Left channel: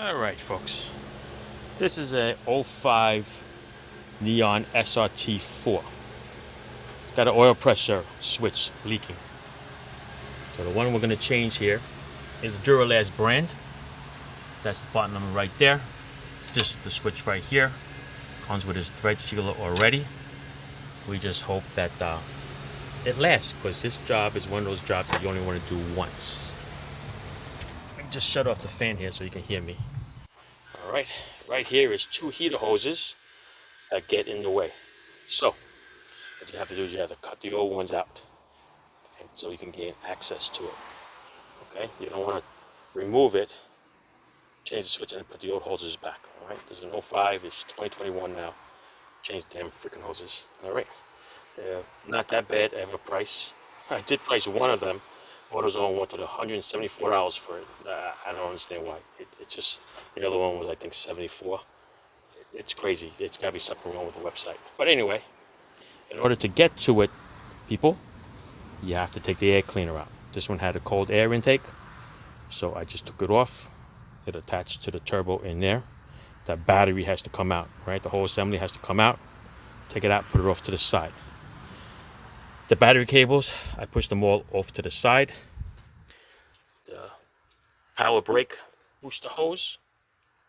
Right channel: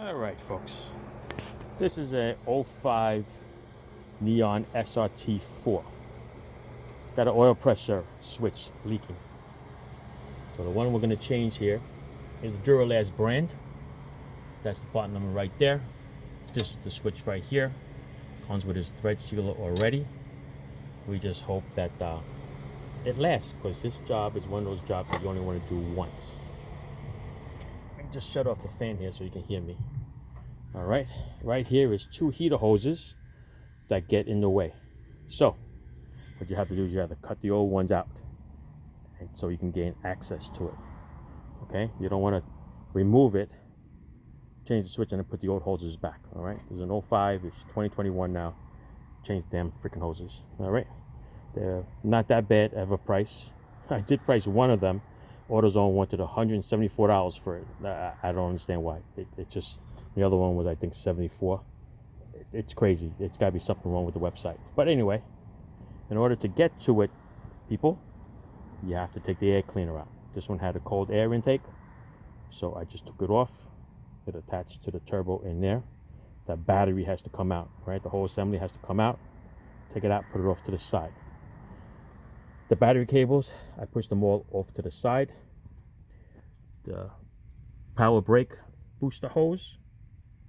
All right, folks. This is a '05 Neon SRT4. Got an oil pressure switch leaking. So the one we're going to change here is the Duralast brand. That's the button number right there. This is the switch right here. Comes with its thread sealer already. We just hope that it lasts, because this job is one of those jobs that you only want to do once. Let me just shut off the fan here so you can hear me. All right, right here is two heater hoses that get in the way. So what you have to do is you have to cut the old ones out, and so you can gain access to it. Okay, you don't want to remove it, change the switch, and then put the old hoses back. All right, there's an '05, it's 2021 now. Change the damn freaking hoses. All right, they're not that bad of a price. I did price one of them. AutoZone wanted $174 for it. I don't understand why. It just, the other one was, I think, $74. It's crazy. It's got to be something wrong with the website. But anyway, in order to get to it, people, you have to take the air cleaner out. This one had a cold air intake, so I just took it off. It attached to the turbo in there. That battery has to come out, right? The whole assembly has to come out. Take it out, put it off to the side. The battery cables, I pushed them all off to the side. The power brake booster hose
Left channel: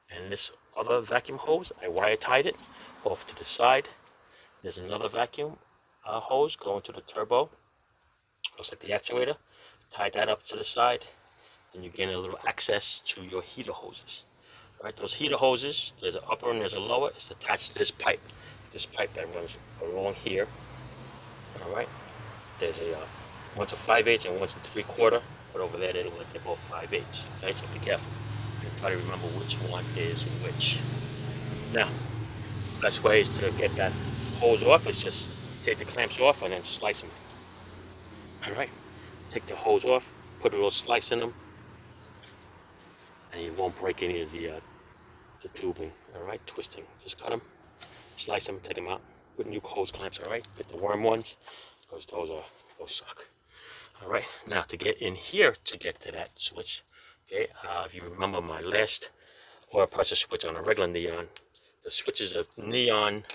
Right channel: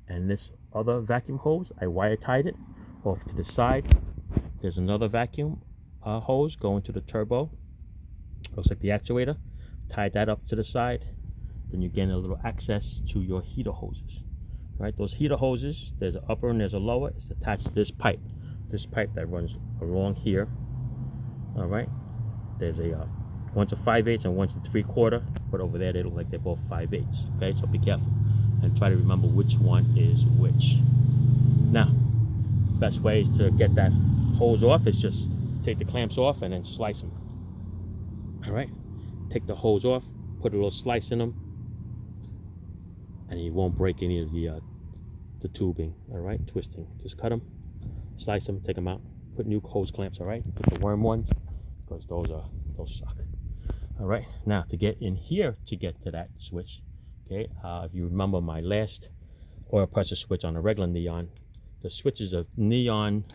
and this other vacuum hose, I wire tied it off to the side. There's another vacuum hose going to the turbo. Looks like the actuator. Tied that up to the side. Then you gain a little access to your heater hoses. All right, those heater hoses, there's an upper and there's a lower. It's attached to this pipe. This pipe that runs along here. All right. There's a one's a 5/8 and one's a 3/4, but over there they look like they're both 5/8. Okay, so be careful and try to remember which one is which. Now, best way is to get that hose off is just take the clamps off and then slice them. All right, take the hose off, put a little slice in them, and you won't break any of the tubing. All right, twisting. Just cut them, slice them, take them out. Put new hose clamps. All right, get the worm ones, because those suck. All right, now to get in here to get to that switch, okay, if you remember my last oil pressure switch on a regular Neon, the switch is a neon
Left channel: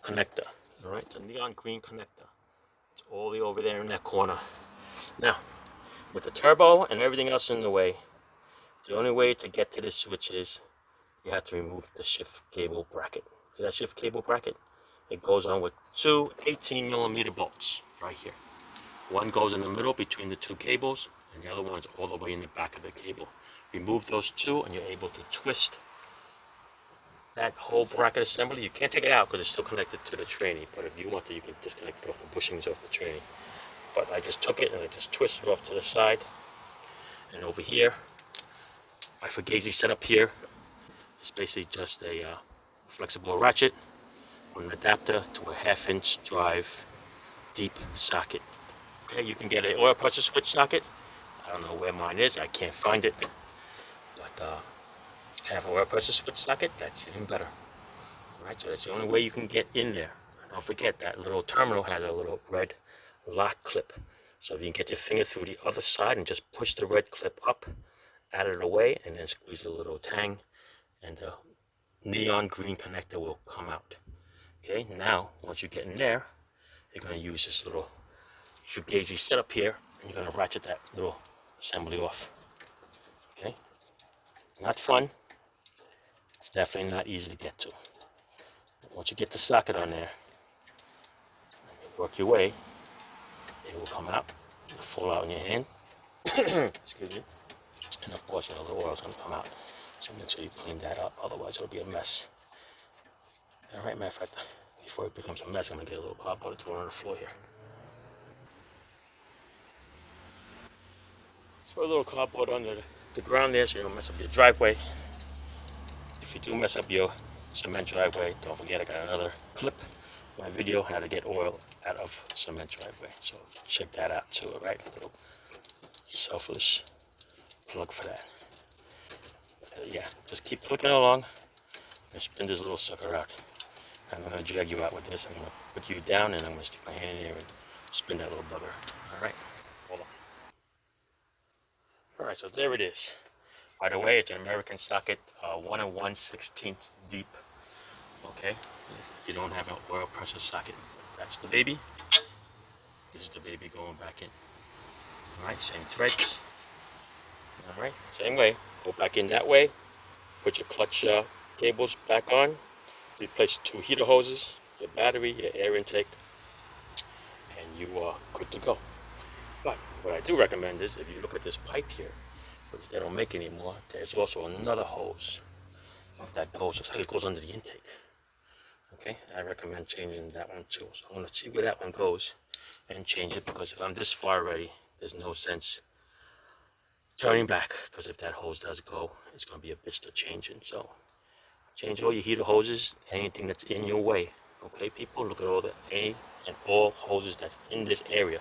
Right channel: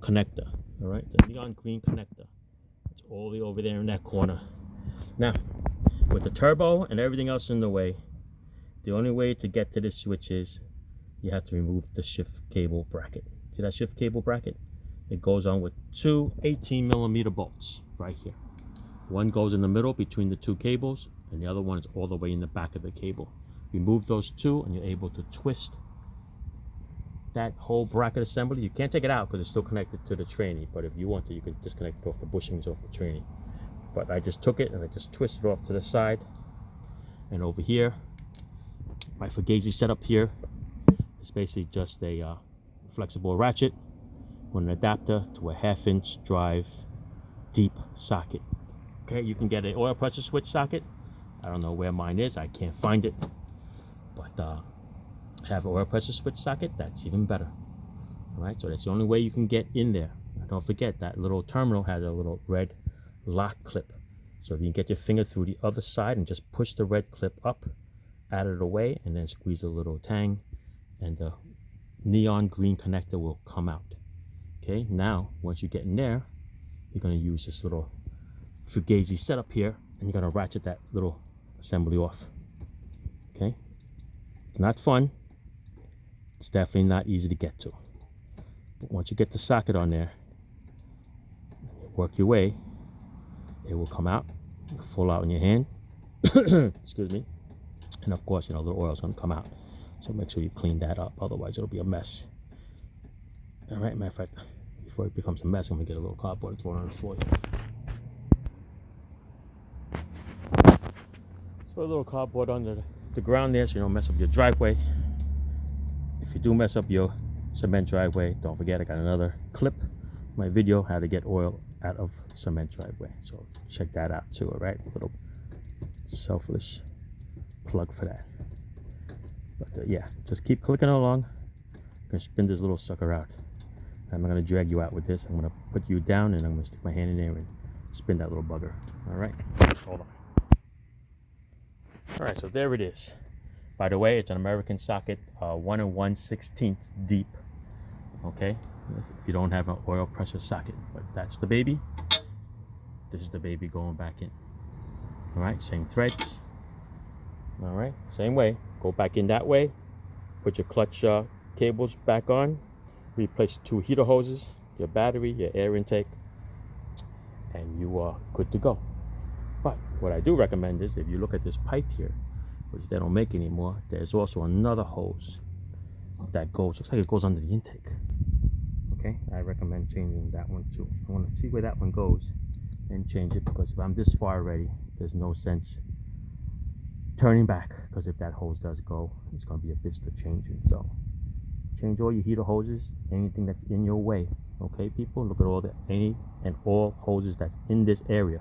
connector. All right, the neon green connector. It's all the way over there in that corner. Now, with the turbo and everything else in the way, the only way to get to this switch is you have to remove the shift cable bracket. See that shift cable bracket? It goes on with two 18mm bolts right here. One goes in the middle between the two cables, and the other one is all the way in the back of the cable. Remove those two, and you're able to twist that whole bracket assembly. You can't take it out because it's still connected to the tranny, but if you want to, you can disconnect it off the bushings off the tranny. But I just took it and I just twisted it off to the side. And over here, my Fugazi setup here is basically just a flexible ratchet with an adapter to a 1/2-inch drive deep socket. Okay, you can get an oil pressure switch socket. I don't know where mine is. I can't find it. But have an oil pressure switch socket, that's even better. All right, so that's the only way you can get in there. Don't forget that little terminal has a little red lock clip. So if you can get your finger through the other side and just push the red clip up, out of the way, and then squeeze a little tang, and the neon green connector will come out. Okay, now once you get in there, you're going to use this little Fugazi setup here, and you're going to ratchet that little assembly off. Okay, not fun. It's definitely not easy to get to. But once you get the socket on there, work your way, it will come out. It'll fall out in your hand. Excuse me. And of course, you know, the oil's going to come out. So make sure you clean that up, otherwise it'll be a mess. All right, matter of fact, before it becomes a mess, I'm going to get a little cardboard and throw it on the floor here. Throw a little cardboard under the ground there so you don't mess up your driveway. If you do mess up your cement driveway, don't forget I got another clip, my video, how to get oil out of cement driveway. So check that out too, all right? A little selfish plug for that. But yeah, just keep clicking along and spin this little sucker out. I'm going to drag you out with this. I'm going to put you down and I'm going to stick my hand in there and spin that little bugger. All right, hold on. All right, so there it is. By the way, it's an American socket, 1 1/16 deep. Okay, if you don't have an oil pressure socket, but that's the baby. This is the baby going back in. All right, same threads. All right, same way. Go back in that way. Put your clutch cables back on. Replace 2 heater hoses, your battery, your air intake, and you are good to go. But what I do recommend is if you look at this pipe here, which they don't make anymore, there's also another hose that goes, looks like it goes under the intake. Okay, I recommend changing that one too. So I'm going to see where that one goes and change it, because if I'm this far already, there's no sense turning back, because if that hose does go, it's going to be a bitch to change it. So change all your heater hoses, anything that's in your way. Okay, people, look at all the any and all hoses that's in this area,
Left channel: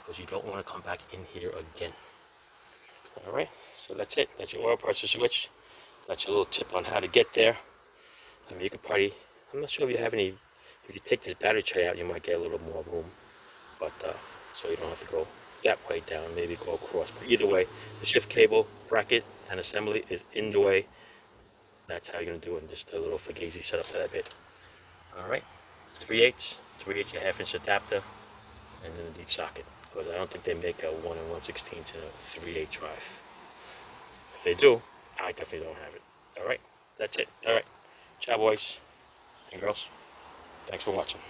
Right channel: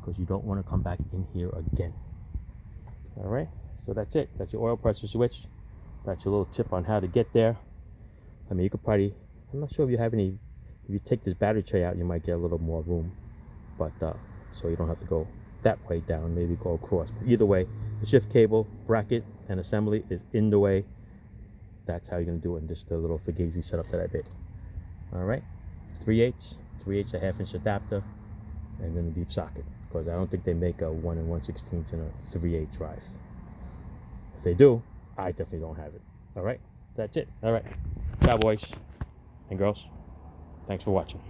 because you don't want to come back in here again. All right, so that's it. That's your oil pressure switch. That's your little tip on how to get there. I mean, you could probably, I'm not sure if you have any, if you take this battery tray out, you might get a little more room, but so you don't have to go that way down, maybe go across. But either way, the shift cable, bracket, and assembly is in the way. That's how you're going to do it in this little Fugazi setup that I made. All right, 3/8, a 1/2-inch adapter, and then a deep socket, because I don't think they make a 1 1/16 in a 3/8 drive. If they do, I definitely don't have it. All right, that's it. All right, ciao boys and girls. Thanks for watching.